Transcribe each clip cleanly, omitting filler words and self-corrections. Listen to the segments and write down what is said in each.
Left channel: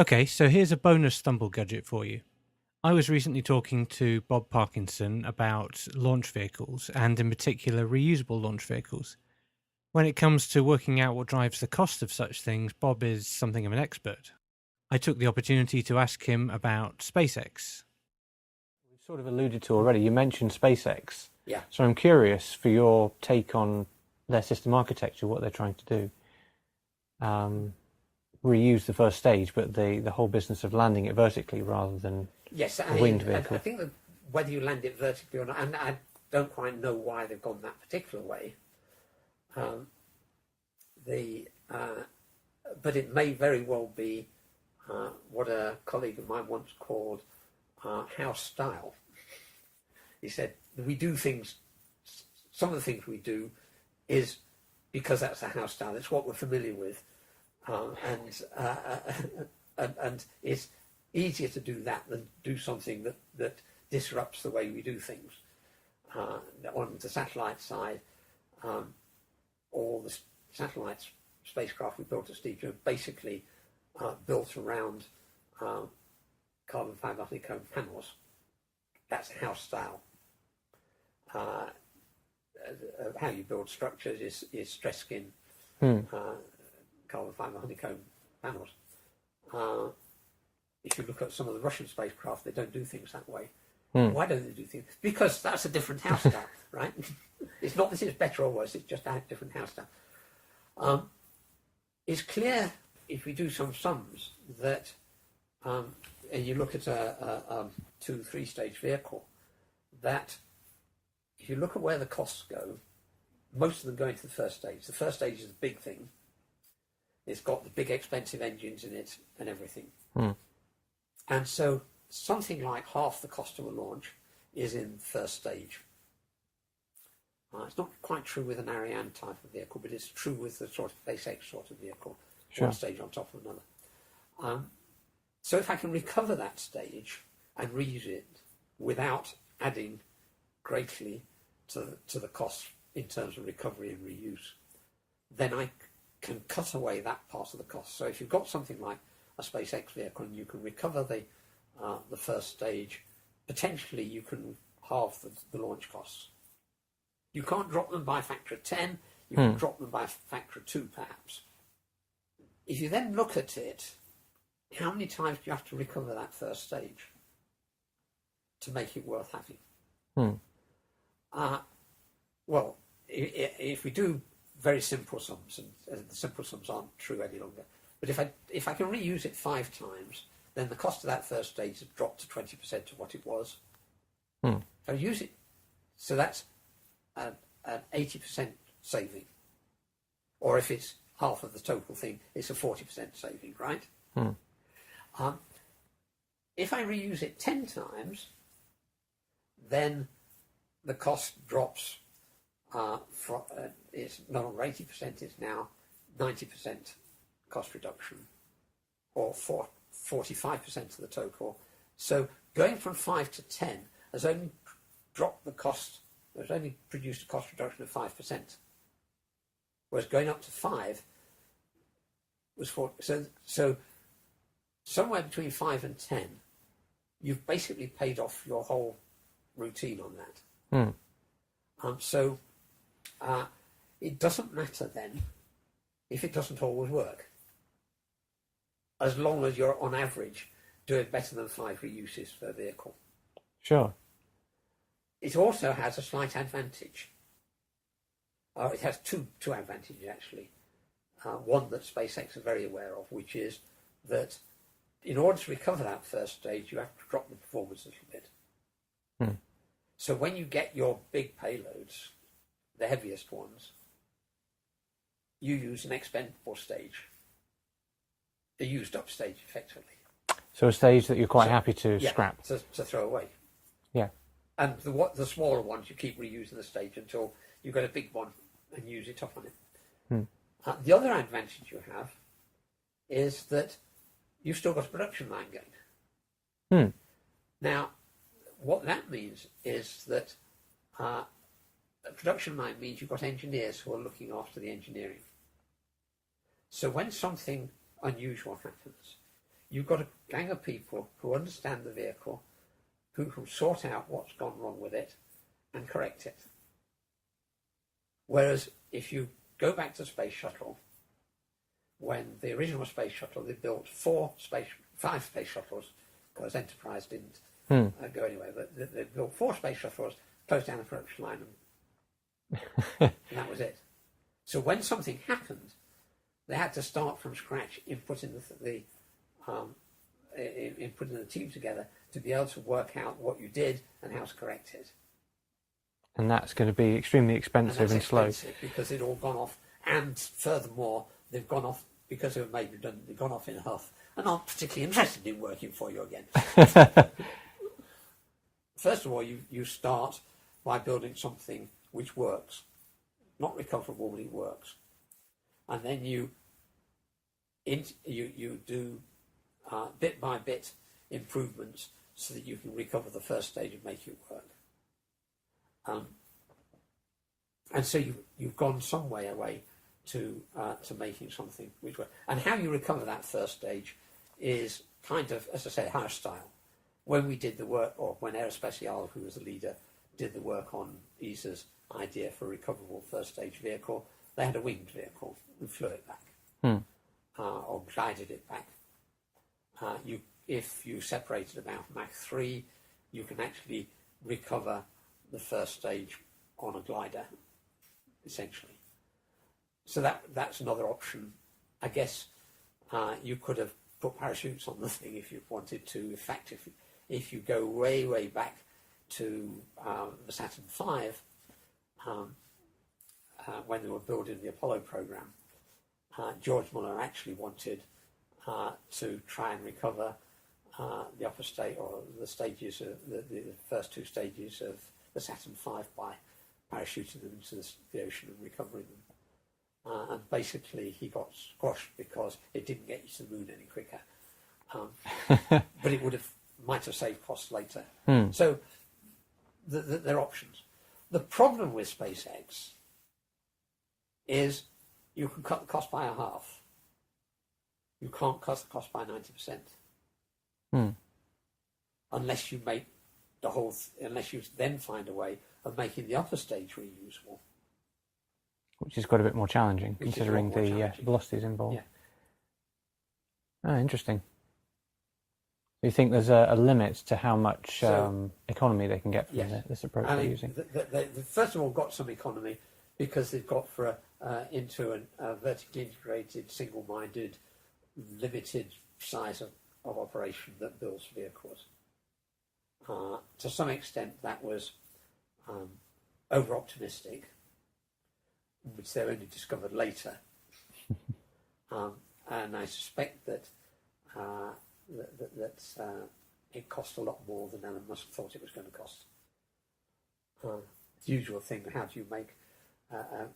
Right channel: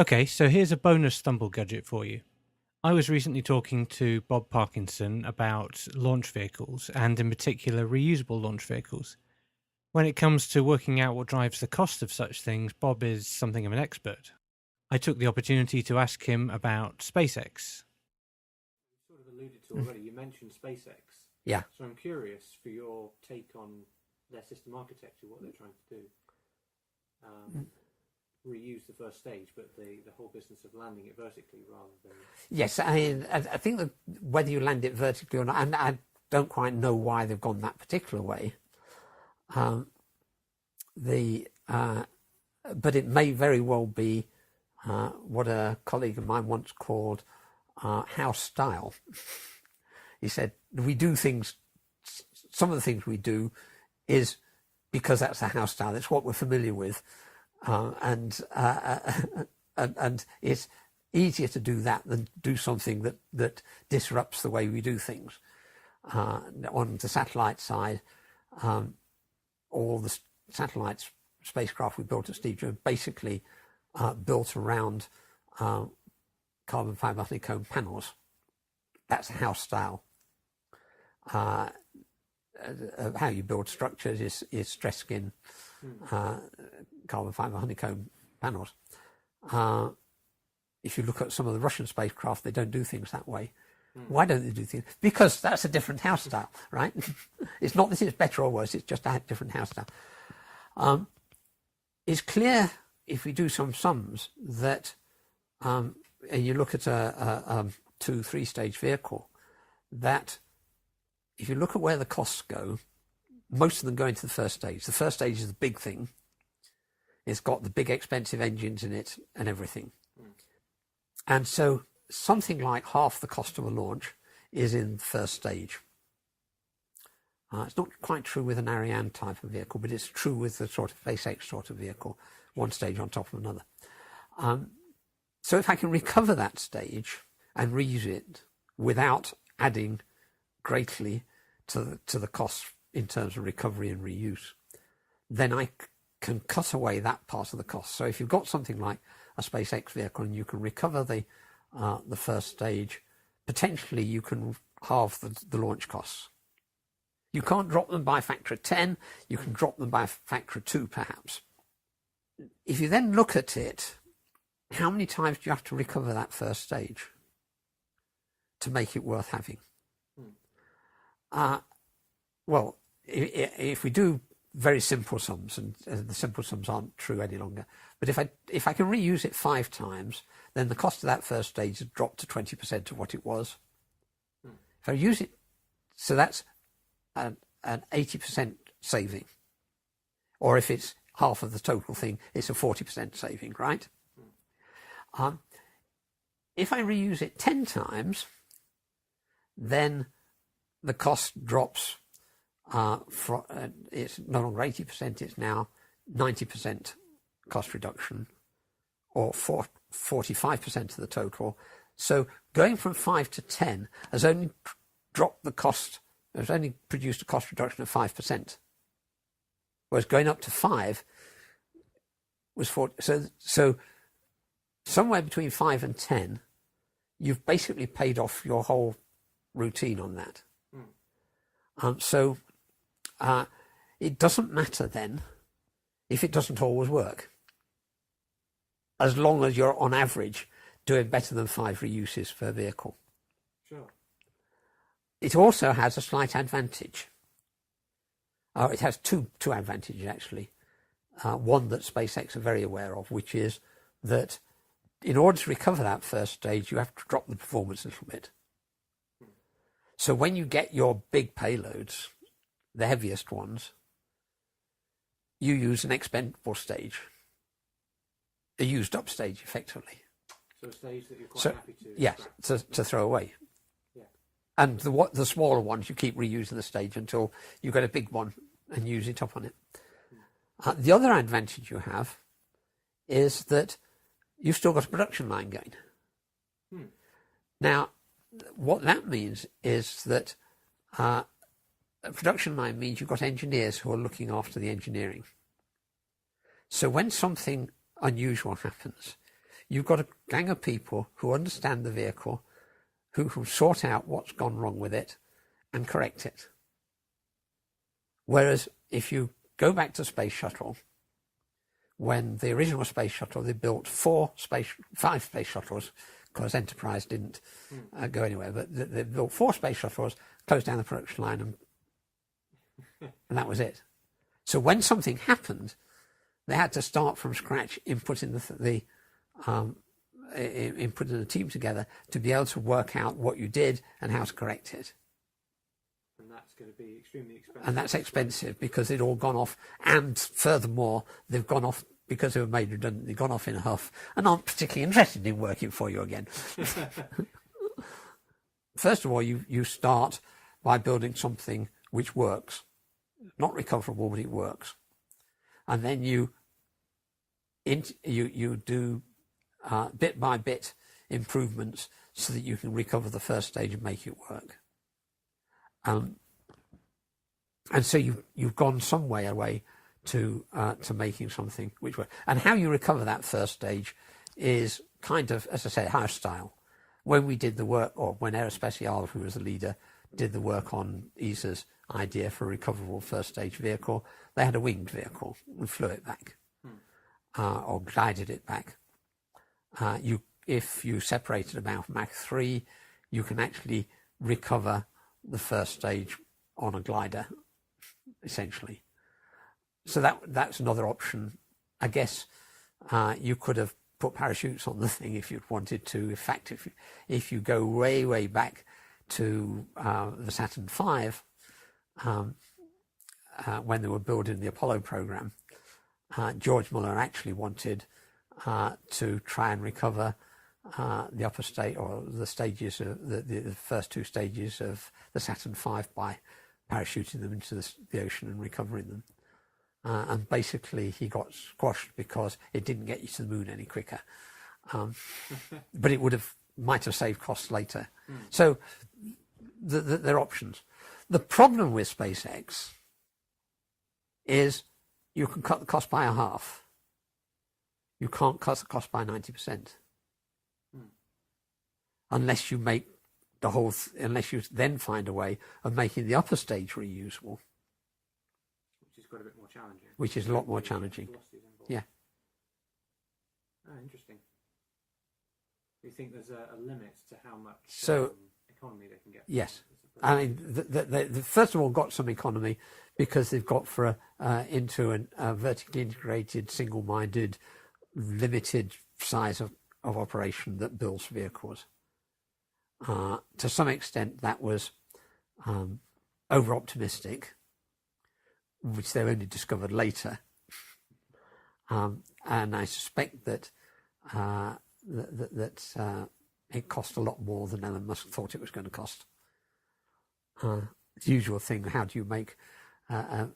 Okay, so here's a bonus Thumblegudget for you. I was recently talking to Bob Parkinson about launch vehicles, and in particular reusable launch vehicles. When it comes to working out what drives the cost of such things, Bob is something of an expert. I took the opportunity to ask him about SpaceX. We've sort of alluded to already, you mentioned SpaceX. Yeah. So I'm curious for your take on their system architecture, what they're trying to do. Reuse the first stage, but the whole business of landing it vertically rather than Yes, I think that whether you land it vertically or not, and I don't quite know why they've gone that particular way. But it may very well be what a colleague of mine once called house style. He said, we do things, some of the things we do is because that's the house style, it's what we're familiar with. And it's easier to do that than do something that disrupts the way we do things. On the satellite side, all the satellites, spacecraft we built at Steve are basically built around carbon fiber honeycomb panels. That's a house style. How you build structures is stress skin. Carbon fiber honeycomb panels. If you look at some of the Russian spacecraft, they don't do things that way. Why don't they do things? Because that's a different house style, right? It's not that it's better or worse, it's just a different house style. It's clear if we do some sums that, and you look at a 2-3 stage vehicle, that if you look at where the costs go, most of them go into the first stage. The first stage is the big thing. It's got the big expensive engines in it and everything. And so something like half the cost of a launch is in the first stage. It's not quite true with an Ariane type of vehicle, but it's true with the sort of SpaceX sort of vehicle, one stage on top of another. So if I can recover that stage and reuse it without adding greatly to the cost in terms of recovery and reuse, then I can cut away that part of the cost. So if you've got something like a SpaceX vehicle and you can recover the first stage, potentially you can halve the launch costs. You can't drop them by a factor of 10, you can drop them by a factor of 2 perhaps. If you then look at it, how many times do you have to recover that first stage to make it worth having? Well, if we do very simple sums, and the simple sums aren't true any longer, but if I can reuse it 5 times, then the cost of that first stage has dropped to 20% of what it was. If I use it, so that's an 80% saving. Or if it's half of the total thing, it's a 40% saving, right? If I reuse it 10 times, then the cost drops it's no longer 80%, it's now 90% cost reduction, or 45% of the total. So going from 5 to 10 has only dropped the cost, has only produced a cost reduction of 5%. Whereas going up to 5 was 40. So somewhere between 5 and 10, you've basically paid off your whole routine on that. So it doesn't matter then if it doesn't always work, as long as you're on average doing better than 5 reuses per vehicle. Sure. It also has a slight advantage. It has two advantages actually. One that SpaceX are very aware of, which is that in order to recover that first stage, you have to drop the performance a little bit. So when you get your big payloads, the heaviest ones, you use an expendable stage, a used up stage effectively. So a stage that you're quite happy to scrap. To throw away. Yeah. And the smaller ones, you keep reusing the stage until you get a big one and use it up on it. The other advantage you have is that you've still got a production line going. Now, what that means is that a production line means you've got engineers who are looking after the engineering. So when something unusual happens, you've got a gang of people who understand the vehicle, who can sort out what's gone wrong with it and correct it. Whereas if you go back to Space Shuttle, when the original Space Shuttle, they built 5 space shuttles, because Enterprise didn't go anywhere, but they built 4 space shuttles, closed down the production line, and that was it. So when something happened, they had to start from scratch, inputting the team together to be able to work out what you did and how to correct it. And that's going to be extremely expensive and that's slow. expensive because it all gone off, and furthermore, they've gone off because they were made redundant. They've gone off in a huff and aren't particularly interested in working for you again. First of all, you start by building something which works, not recoverable, but it works, and then you do bit by bit improvements so that you can recover the first stage and make it work. And so you've gone some way away to making something which works. And how you recover that first stage is kind of, as I say, house style. When we did the work, or when Aerospatiale, who was the leader, did the work on ESA's idea for a recoverable first stage vehicle, they had a winged vehicle. We flew it back, or glided it back. If you separate it about Mach 3, you can actually recover the first stage on a glider, essentially. So that's another option. I guess you could have put parachutes on the thing if you wanted to. In fact, if you go way back to the Saturn V, when they were building the Apollo program, George Muller actually wanted to try and recover the upper state, or the stages of the first 2 stages of the Saturn V by parachuting them into the ocean and recovering them. And basically he got squashed because it didn't get you to the moon any quicker. But it might have saved costs later. So there are options. The problem with SpaceX is you can cut the cost by a half. You can't cut the cost by 90%. Unless you make unless you then find a way of making the upper stage reusable. Which is quite a bit more challenging. Which is a lot more challenging. Velocities involved. Yeah. Oh, interesting. Do you think there's a limit to how much economy they can get from this approach they're using? They first of all got some economy because they've got into a vertically integrated, single-minded, limited size of operation that builds vehicles. To some extent, that was over-optimistic, which they only discovered later. And I suspect that it cost a lot more than Elon Musk thought it was going to cost. The usual thing: how do you make a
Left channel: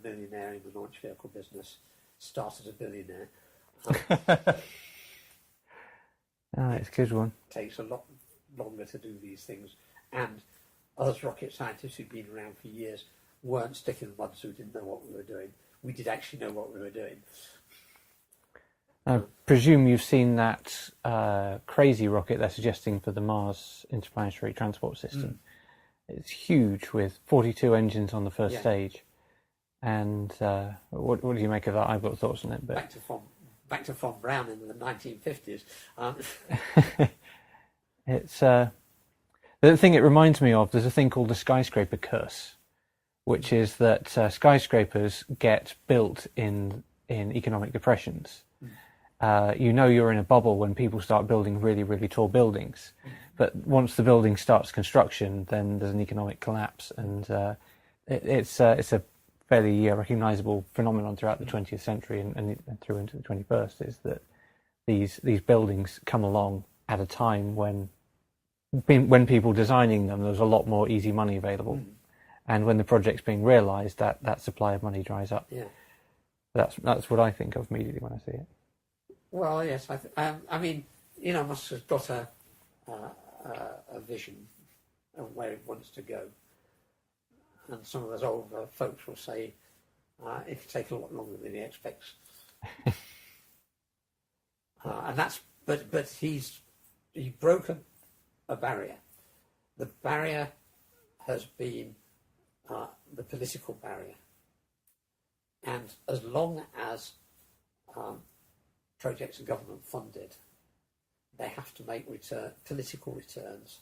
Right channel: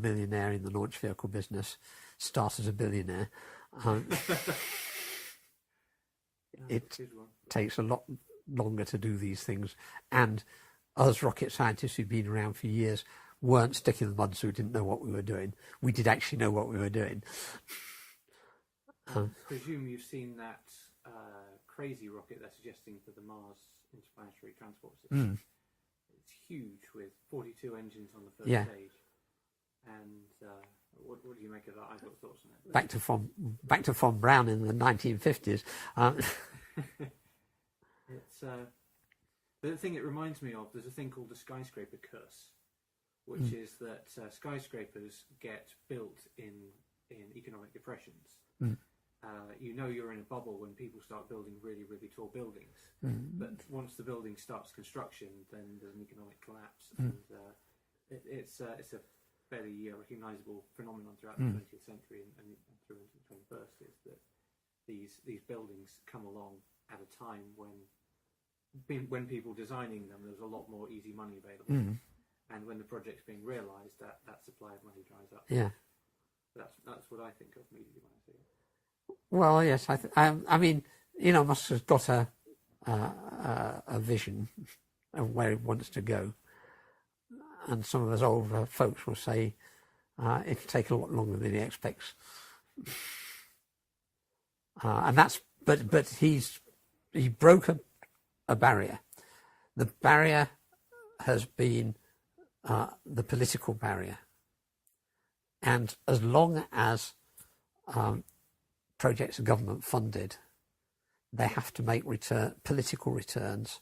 millionaire in the launch vehicle business start as a billionaire? It's a good one. Takes a lot longer to do these things, and us rocket scientists who've been around for years weren't stuck in the mud, so we didn't know what we were doing. We did actually know what we were doing. I presume you've seen that crazy rocket they're suggesting for the Mars Interplanetary Transport System. It's huge, with 42 engines on the first stage. And what do you make of that? I've got thoughts on it. But... Back to Von Braun in the 1950s. It's the thing it reminds me of. There's a thing called the skyscraper curse, which is that skyscrapers get built in economic depressions. You're in a bubble when people start building really, really tall buildings. But once the building starts construction, then there's an economic collapse, and it's a fairly recognisable phenomenon throughout the 20th century and through into the 21st, is that these buildings come along at a time when people designing them, there's a lot more easy money available. And when the project's being realised, that supply of money dries up. Yeah, that's what I think of immediately when I see it. Well, yes, I mean, Musk has got a vision of where he wants to go, and some of us older folks will say it'll take a lot longer than he expects. And that's but he broke a barrier. The barrier has been the political barrier, and as long as projects are government funded, they have to make political returns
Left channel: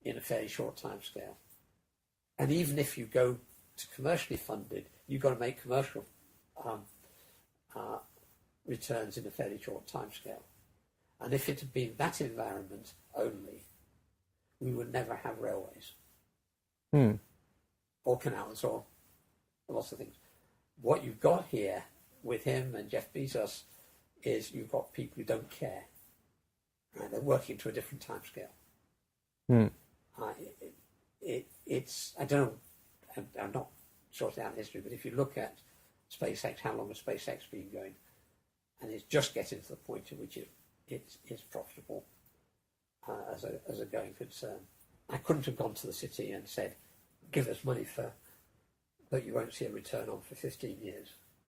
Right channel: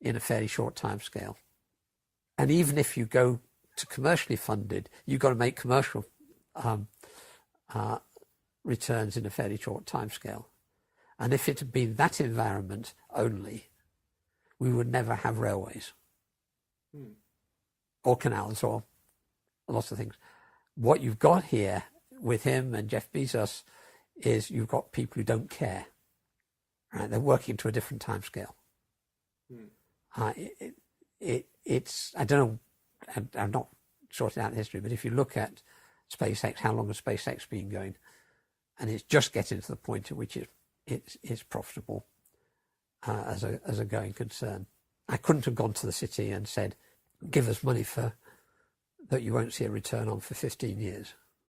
in a fairly short time scale. And even if you go to commercially funded, you've got to make commercial returns in a fairly short time scale. And if it had been that environment only, we would never have railways or canals or lots of things. What you've got here with him and Jeff Bezos is you've got people who don't care. Right? They're working to a different time scale. It's I don't know. I'm not sorting out the history, but if you look at SpaceX, how long has SpaceX been going? And it's just getting to the point at which it's profitable as a going concern. I couldn't have gone to the city and said, "Give us money for that you won't see a return on for 15 years."